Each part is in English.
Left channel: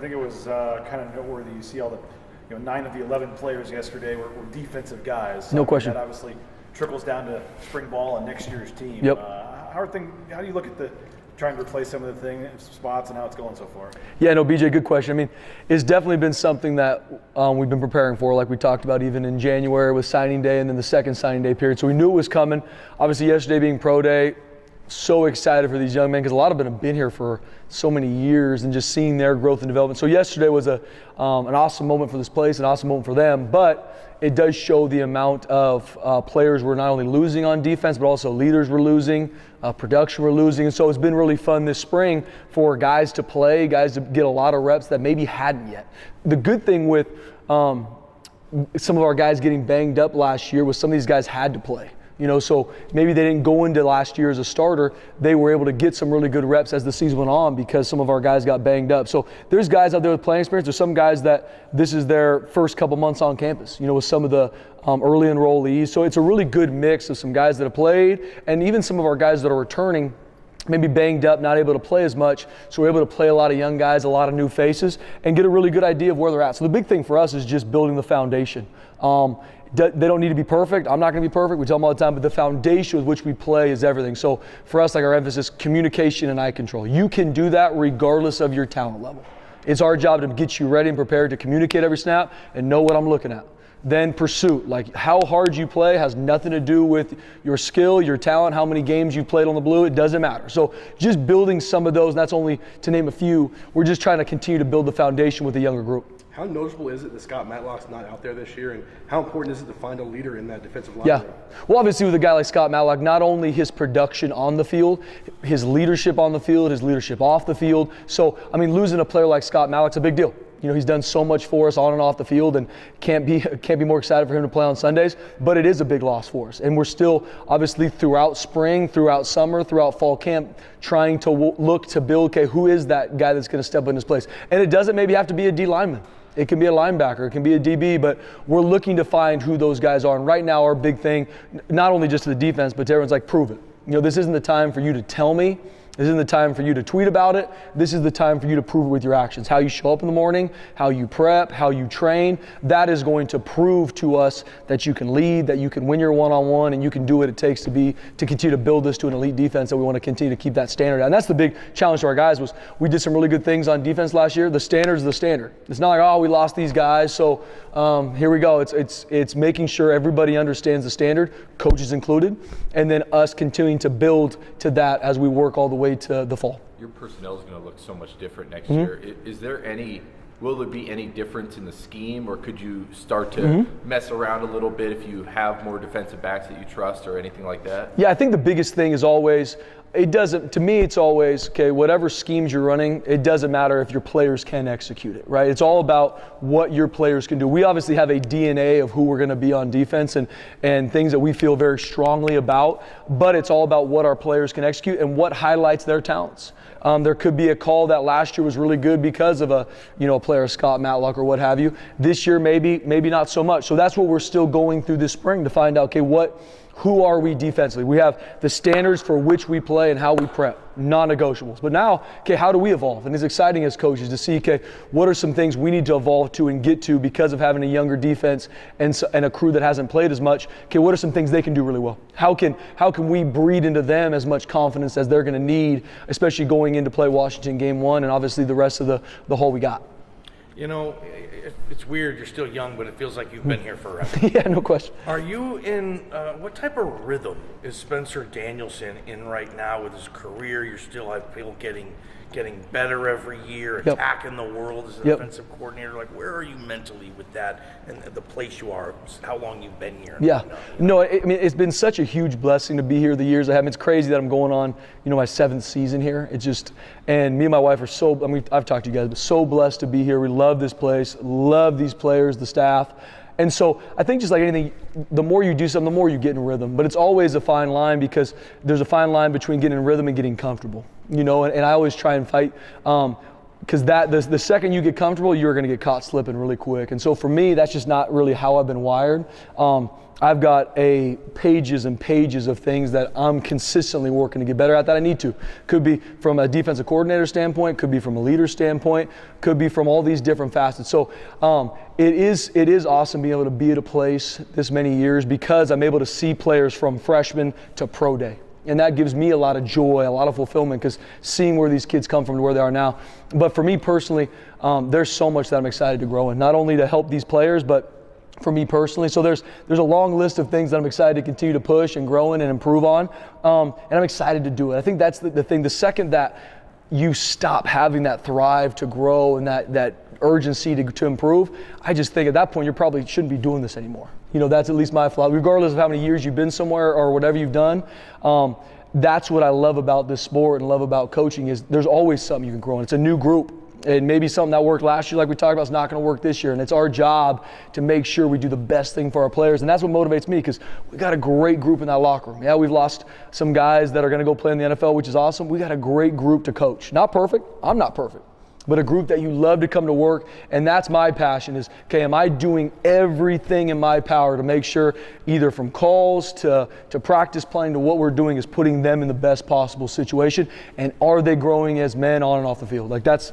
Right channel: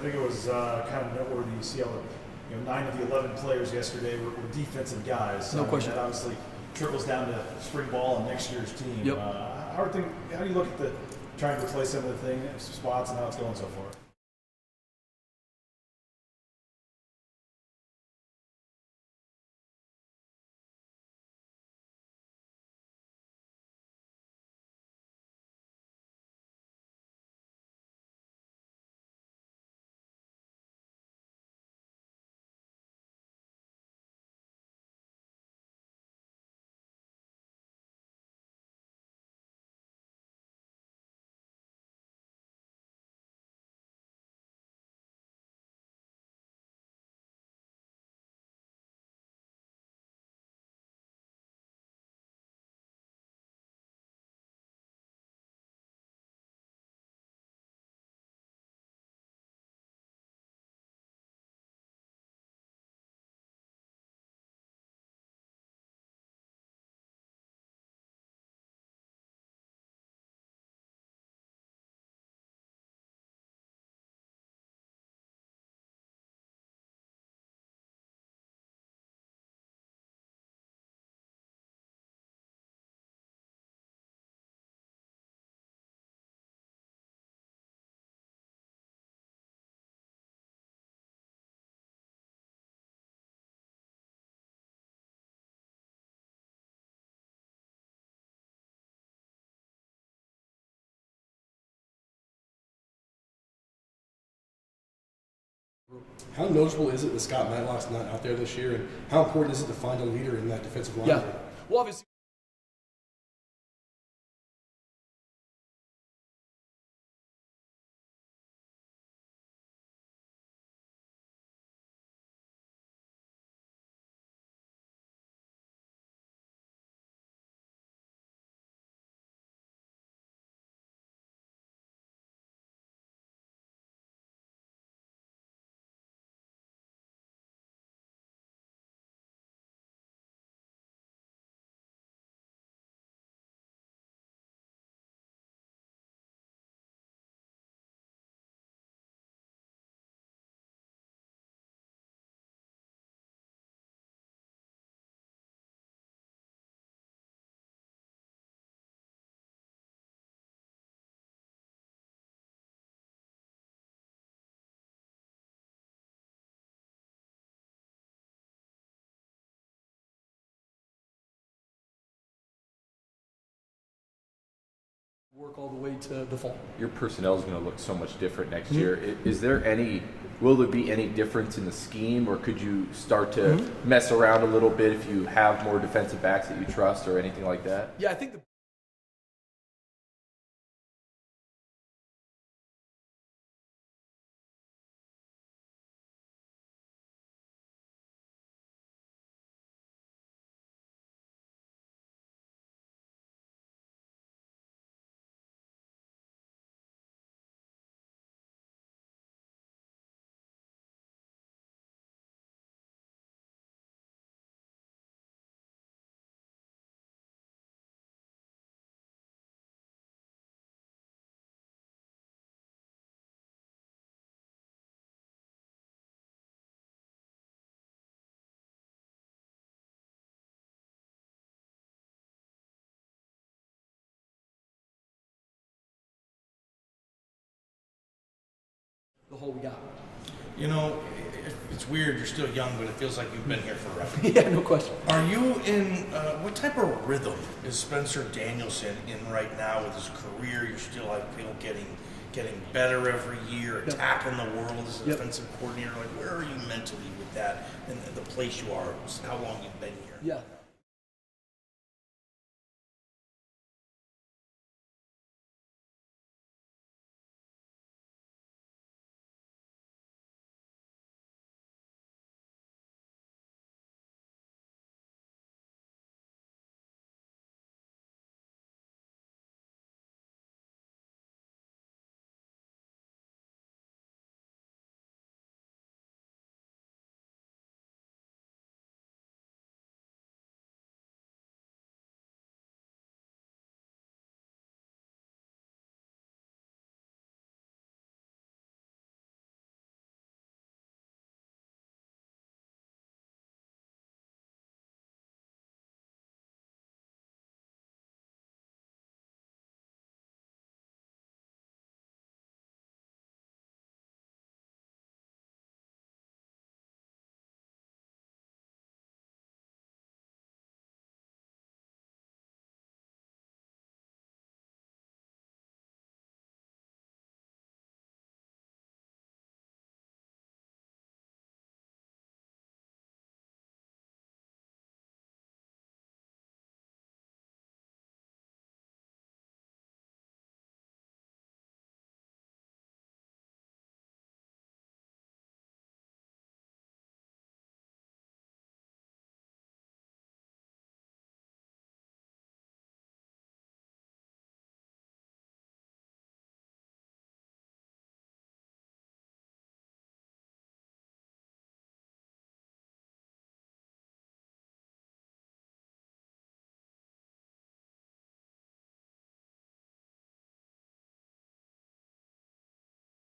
I think it was kind of noteworthy. You see all the 9 of the 11 players yesterday were defensive guys. No question. That obviously trickles down to spring ball and next year's team. Yep. How do you look at trying to replace some of the spots and how it's going so far? Yeah, no, BJ, good question. I mean, it's definitely been something that we've been preparing for, like we talked about even in January with signing day and then the second signing day period. So we knew it was coming. Obviously, yesterday being pro day, so excited for these young men because a lot of them have been here for so many years and just seeing their growth and development. So yesterday was an awesome moment for this place, an awesome moment for them, but it does show the amount of players we're not only losing on defense, but also leaders we're losing, production we're losing. And so it's been really fun this spring for guys to play, guys to get a lot of reps that maybe hadn't yet. The good thing with some of our guys getting banged up last year was some of these guys had to play. So maybe they didn't go into last year as a starter. They were able to get some really good reps as the season went on because some of our guys got banged up. So there's guys out there with playing experience. There's some guys that this is their first couple months on campus, with some of the early enrollees. So it's a really good mix of some guys that have played and even some of our guys that are returning, maybe banged up, not able to play as much. So we're able to play a lot of young guys, a lot of new faces, and get a really good idea of where they're at. So the big thing for us is just building the foundation. They don't need to be perfect. I'm not going to be perfect. We tell them all the time, but the foundation with which we play is everything. So for us, like our emphasis, communication and eye control. You can do that regardless of your talent level. It's our job to get you ready and prepared to communicate every snap and know what I'm looking at. Then pursuit, like how hard you play has nothing to do with your skill, your talent, how many games you played on the blue, it doesn't matter. So just building some of those, and that's only to name a few, we're just trying to continue to build the foundation with the younger group. How noticeable is it that Scott Matlock's not out there this year, and how important is it to find a leader in that defensive line? Yeah. Well, obviously with a guy like Scott Matlock, not only his production on the field, his leadership on the field, his leadership off the field. So, I mean, losing a player like Scott Matlock's a big deal. He's done so much for us on and off the field, and can't be more excited for him to play on Sundays. But it is a big loss for us, and we're still obviously throughout spring, throughout summer, throughout fall camp, trying to look to build. Okay, who is that guy that's going to step in his place? And it doesn't maybe have to be a D lineman. It can be a linebacker, it can be a DB, but we're looking to find who those guys are. And right now, our big thing, not only just to the defense, but to everyone's like, prove it. This isn't the time for you to tell me. This isn't the time for you to tweet about it. This is the time for you to prove it with your actions. How you show up in the morning, how you prep, how you train, that is going to prove to us that you can lead, that you can win your one-on-one, and you can do what it takes to continue to build this to an elite defense that we want to continue to keep that standard. And that's the big challenge to our guys was we did some really good things on defense last year. The standard is the standard. It's not like, oh, we lost these guys, so here we go. It's making sure everybody understands the standard, coaches included, and then us continuing to build to that as we work all the way to the fall. Your personnel is going to look so much different next year. Will there be any difference in the scheme, or could you start to mess around a little bit if you have more defensive backs that you trust or anything like that? Yeah, I think the biggest thing is always, to me it's always, okay, whatever schemes you're running, it doesn't matter if your players can execute it, right? It's all about what your players can do. We obviously have a DNA of who we're going to be on defense and things that we feel very strongly about, but it's all about what our players can execute and what highlights their talents. There could be a call that last year was really good because of a player, Scott Matlock or what have you. This year maybe not so much. So that's what we're still going through this spring to find out, okay, who are we defensively? We have the standards for which we play and how we prep, non-negotiables. But now, okay, how do we evolve? And it's exciting as coaches to see, okay, what are some things we need to evolve to and get to because of having a younger defense and a crew that hasn't played as much? Okay, what are some things they can do really well? How can we breed into them as much confidence as they're going to need, especially going into play Washington game 1 and obviously the rest of the whole we got? It's weird, you're still young, but it feels like you've been here forever. Yeah, no question. Are you in, what type of rhythm is Spencer Danielson in right now with his career? You're still, I feel, getting better every year, attacking the world as a defensive coordinator. Like, where are you mentally with that and the place you are, how long you've been here? Yeah. No, I mean, it's been such a huge blessing to be here the years I have. It's crazy that I'm going on, my 7th season here. It's just, and me and my wife are I've talked to you guys, but so blessed to be here. We love this place, love these players, the staff. And so I think just like anything, the more you do something, the more you get in rhythm. But it's always a fine line because there's a fine line between getting in rhythm and getting comfortable. And I always try and fight. because the second you get comfortable, you're going to get caught slipping really quick. And so for me, that's just not really how I've been wired. I've got pages and pages of things that I'm consistently working to get better at that I need to. Could be from a defensive coordinator standpoint, could be from a leader standpoint, could be from all these different facets. So it is awesome being able to be at a place this many years because I'm able to see players from freshman to pro day. And that gives me a lot of joy, a lot of fulfillment, because seeing where these kids come from to where they are now. But for me personally, there's so much that I'm excited to grow in, not only to help these players, but for me personally. So there's a long list of things that I'm excited to continue to push and grow in and improve on. And I'm excited to do it. I think that's the thing. The second that you stop having that thrive to grow and that urgency to improve, I just think at that point you probably shouldn't be doing this anymore. That's at least my philosophy. Regardless of how many years you've been somewhere or whatever you've done, that's what I love about this sport and love about coaching is there's always something you can grow in. It's a new group. And maybe something that worked last year, like we talked about, is not going to work this year. And it's our job to make sure we do the best thing for our players. And that's what motivates me because we got a great group in that locker room. Yeah, we've lost some guys that are going to go play in the NFL, which is awesome. We got a great group to coach. Not perfect. I'm not perfect. But a group that you love to come to work. And that's my passion is, okay, am I doing everything in my power to make sure either from calls to practice planning to what we're doing is putting them in the best possible situation? And are they growing as men on and off the field? Like that's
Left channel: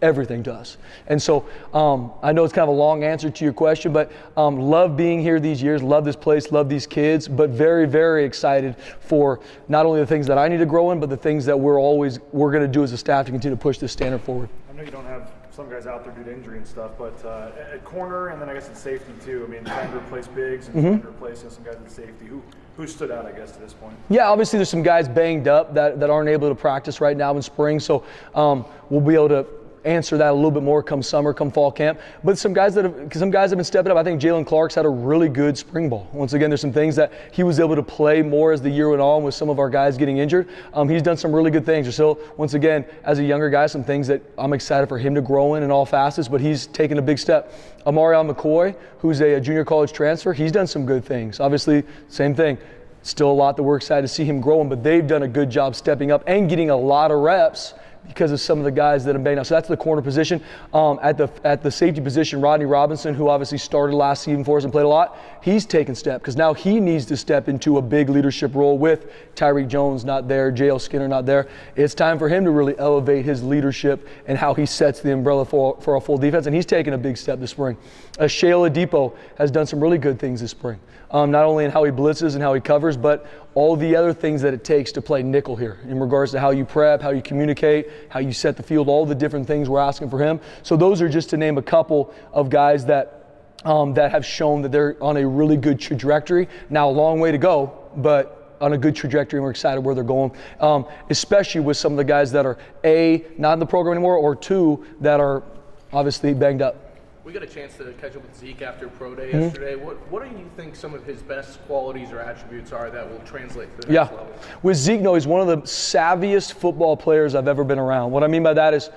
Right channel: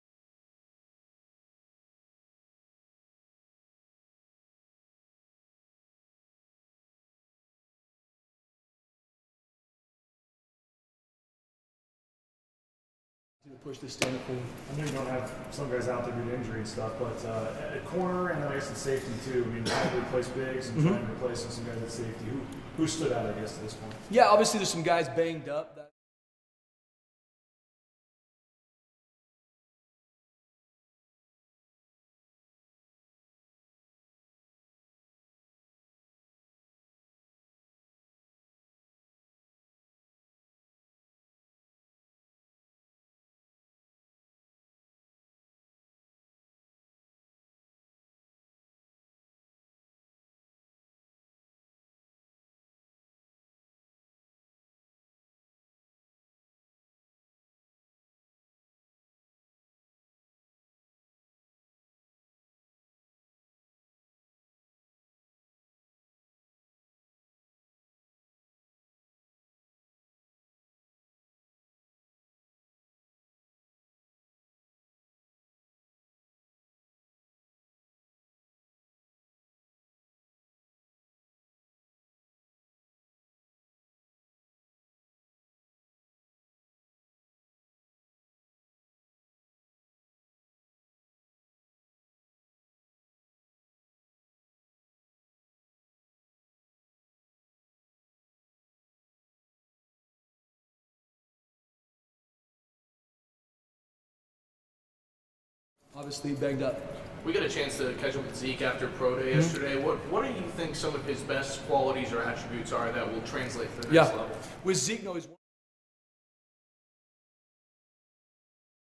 everything to us. And so I know it's kind of a long answer to your question, but love being here these years, love this place, love these kids, but very, very excited for not only the things that I need to grow in, but the things that we're going to do as a staff to continue to push this standard forward. I know you don't have some guys out there due to injury and stuff, but at corner and then I guess at safety too, I mean, trying to replace Biggs and trying to replace some guys at safety. Who stood out, I guess, to this point? Yeah, obviously there's some guys banged up that aren't able to practice right now in spring, so we'll be able to answer that a little bit more come summer, come fall camp. But some guys have been stepping up. I think Jalen Clark's had a really good spring ball. Once again, there's some things that he was able to play more as the year went on with some of our guys getting injured. He's done some really good things. There's still, once again, as a younger guy, some things that I'm excited for him to grow in all facets, but he's taken a big step. Amarion McCoy, who's a junior college transfer, he's done some good things. Obviously, same thing. Still a lot that we're excited to see him growing, but they've done a good job stepping up and getting a lot of reps because of some of the guys that have been out. So that's the corner position. At the safety position, Rodney Robinson, who obviously started last season for us and played a lot, he's taken step because now he needs to step into a big leadership role with Tyreek Jones not there, J.L. Skinner not there. It's time for him to really elevate his leadership and how he sets the umbrella for a full defense, and he's taken a big step this spring. Shayla Depot has done some really good things this spring. Not only in how he blitzes and how he covers, but all the other things that it takes to play nickel here in regards to how you prep, how you communicate, how you set the field, all the different things we're asking for him. So those are just to name a couple of guys that have shown that they're on a really good trajectory. Now, a long way to go, but on a good trajectory, and we're excited where they're going, especially with some of the guys that are, A, not in the program anymore, or two, that are obviously banged up. We got a chance to catch up with Zeke after Pro Day yesterday. What do you think some of his best qualities or attributes are that will translate to the next level? With Zeke, he's one of the savviest football players I've ever been around. What I mean by that is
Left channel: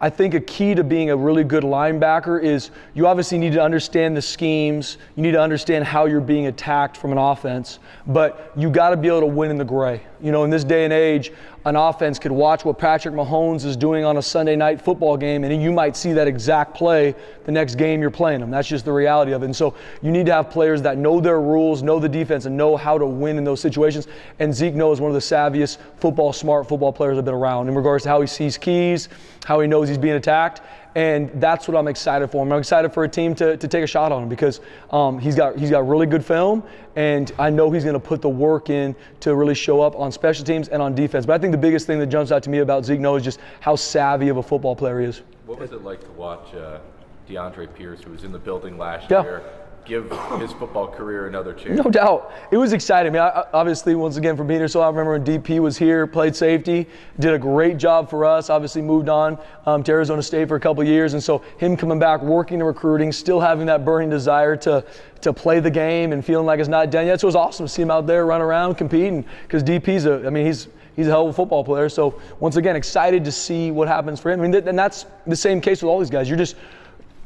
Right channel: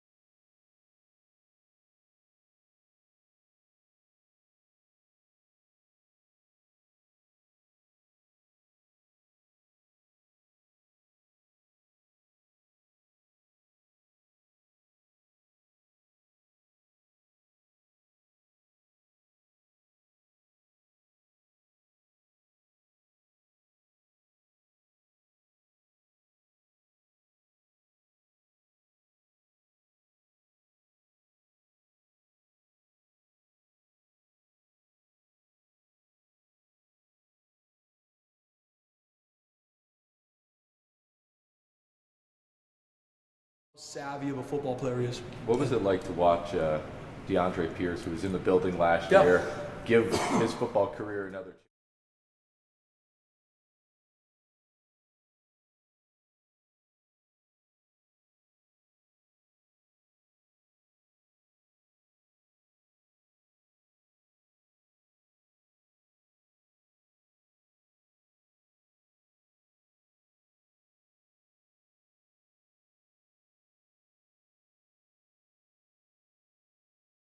I think a key to being a really good linebacker is you obviously need to understand the schemes. You need to understand how you're being attacked from an offense, but you got to be able to win in the gray. In this day and age, an offense could watch what Patrick Mahomes is doing on a Sunday night football game, and you might see that exact play the next game you're playing them. That's just the reality of it. And so you need to have players that know their rules, know the defense, and know how to win in those situations. And Zeke is one of the savviest smart football players I've been around in regards to how he sees keys, how he knows he's being attacked. And that's what I'm excited for. I'm excited for a team to take a shot on him because he's got really good film, and I know he's going to put the work in to really show up on special teams and on defense. But I think the biggest thing that jumps out to me about Zeke is just how savvy of a football player he is. What was it like to watch DeAndre Pierce, who was in the building last year, give his football career another chance? No doubt. It was exciting. I mean, obviously, once again, for being here, so I remember when DP was here, played safety, did a great job for us, obviously moved on to Arizona State for a couple of years. And so him coming back, working the recruiting, still having that burning desire to play the game and feeling like it's not done yet. So it was awesome to see him out there, run around, compete. Because DP's he's a hell of a football player. So once again, excited to see what happens for him. I mean, and that's the same case with all these guys.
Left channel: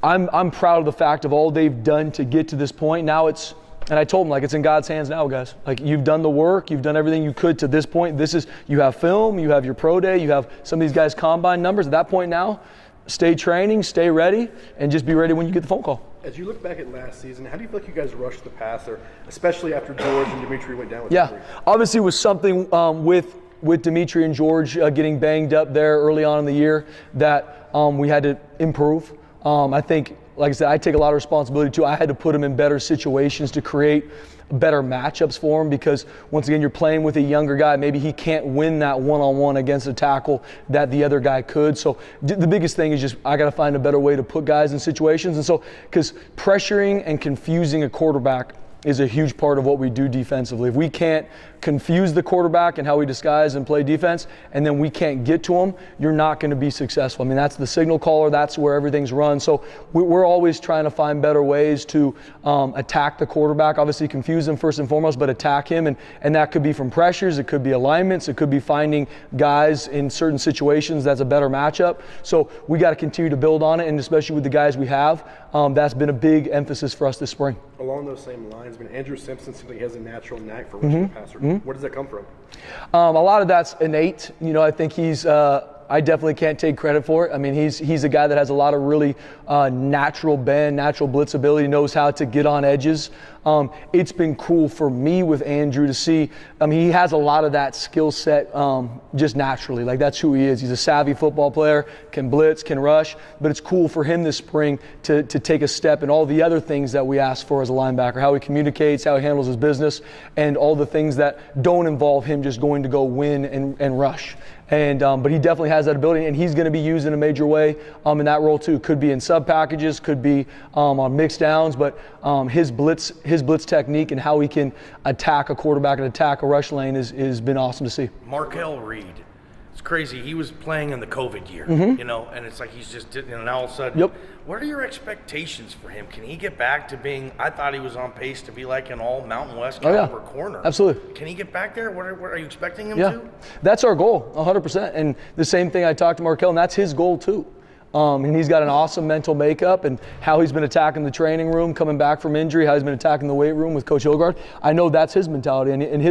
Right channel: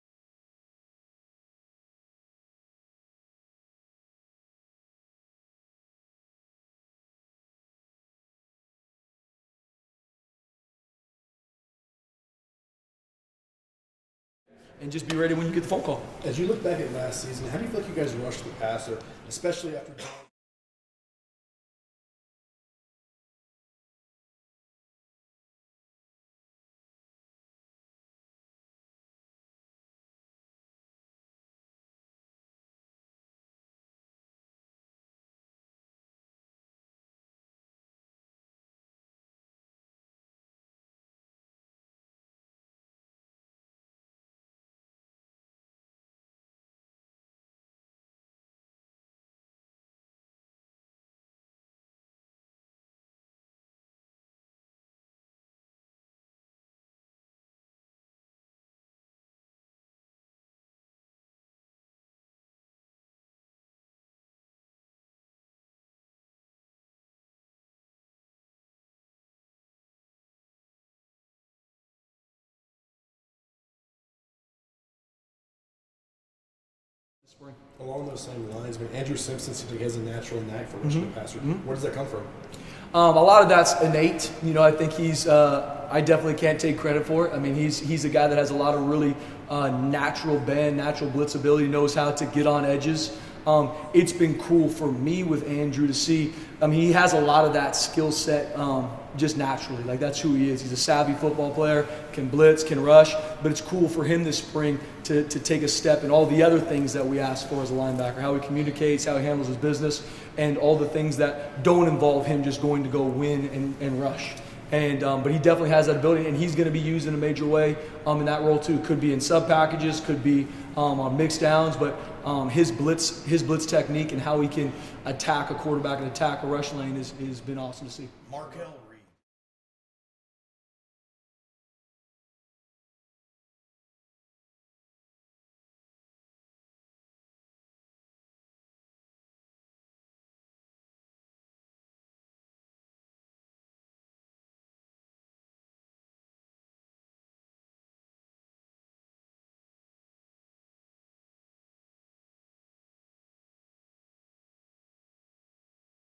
I'm proud of the fact of all they've done to get to this point. Now it's And I told him, like, it's in God's hands now, guys. Like, you've done the work, you've done everything you could to this point. You have film, you have your pro day, you have some of these guys' combine numbers. At that point now, stay training, stay ready, and just be ready when you get the phone call. As you look back at last season, how do you feel like you guys rushed the passer, especially after George and Dimitri went down with injury? Obviously it was something with Dimitri and George getting banged up there early on in the year that we had to improve. I think, like I said, I take a lot of responsibility too. I had to put him in better situations to create better matchups for him, because once again, you're playing with a younger guy. Maybe he can't win that one-on-one against a tackle that the other guy could. So the biggest thing is just I got to find a better way to put guys in situations. And so, because pressuring and confusing a quarterback is a huge part of what we do defensively. If we can't confuse the quarterback and how we disguise and play defense, and then we can't get to him, you're not going to be successful. I mean, that's the signal caller. That's where everything's run. So we're always trying to find better ways to attack the quarterback. Obviously, confuse him first and foremost, but attack him. And that could be from pressures. It could be alignments. It could be finding guys in certain situations that's a better matchup. So we got to continue to build on it, and especially with the guys we have, that's been a big emphasis for us this spring. Along those same lines, Andrew Simpson seems like he has a natural knack for rushing the passer. Where does that come from? A lot of that's innate. You know, I think he's. I definitely can't take credit for it. I mean, he's a guy that has a lot of really natural bend, natural blitz ability. Knows how to get on edges. It's been cool for me with Andrew to see. I mean, he has a lot of that skill set just naturally. Like, that's who he is. He's a savvy football player, can blitz, can rush. But it's cool for him this spring to take a step in all the other things that we ask for as a linebacker, how he communicates, how he handles his business, and all the things that don't involve him just going to go win and rush. And but he definitely has that ability, and he's going to be used in a major way in that role too. Could be in sub packages, could be on mixed downs, but his blitz technique and how he can attack a quarterback and attack a rush lane is been awesome to see. Markel Reed, it's crazy. He was playing in the COVID year, you know, and it's like he's just now all of a sudden. Yep. What are your expectations for him? Can he get back to being? I thought he was on pace to be like an all Mountain West caliber corner. Absolutely. Can he get back there? What are you expecting him Yeah, to? that's our goal, 100%. And the same thing I talked to Markel, and that's his goal too. And he's got an awesome mental makeup, and how he's been attacking the training room, coming back from injury, how he's been attacking the weight room with Coach Hilgard. I know that's his mentality, and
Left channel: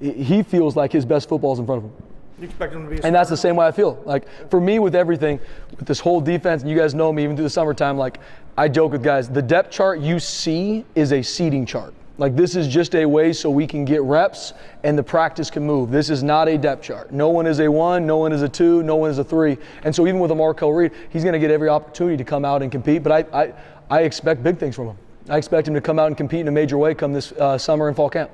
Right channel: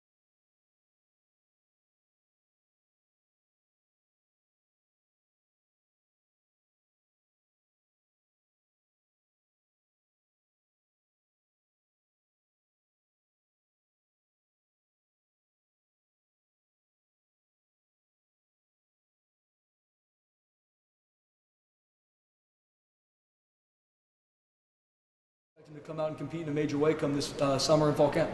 he feels like his best football is in front of him. You expect him to be? And that's the same way I feel. Like, for me, with everything, with this whole defense, and you guys know me even through the summertime, like, I joke with guys, the depth chart you see is a seating chart. Like, this is just a way so we can get reps and the practice can move. This is not a depth chart. No one is a 1, no one is a 2, no one is a 3. And so even with a Markel Reed, he's going to get every opportunity to come out and compete. But I expect big things from him. I expect him to come out and compete in a major way come this summer and fall camp.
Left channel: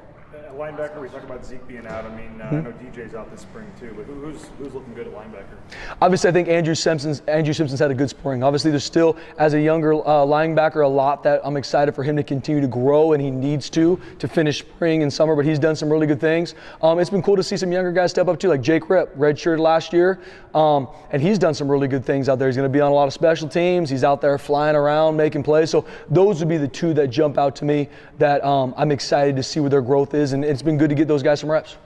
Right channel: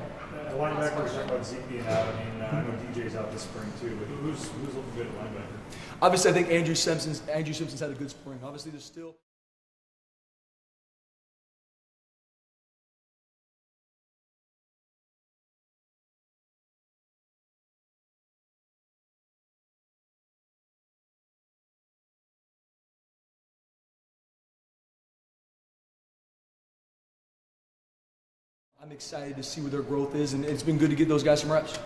Linebacker, we're talking about Zeke being out. I mean, I know DJ's out this spring too, but who's looking good at linebacker? Obviously, I think Andrew Simpson's had a good spring. Obviously, there's still, as a younger linebacker, a lot that I'm excited for him to continue to grow, and he needs to finish spring and summer, but he's done some really good things. It's been cool to see some younger guys step up too, like Jake Ripp, redshirted last year, and he's done some really good things out there. He's going to be on a lot of special teams. He's out there flying around, making plays. So those would be the two that jump out to me that I'm excited to see what their growth is, and it's been good to get those guys some reps.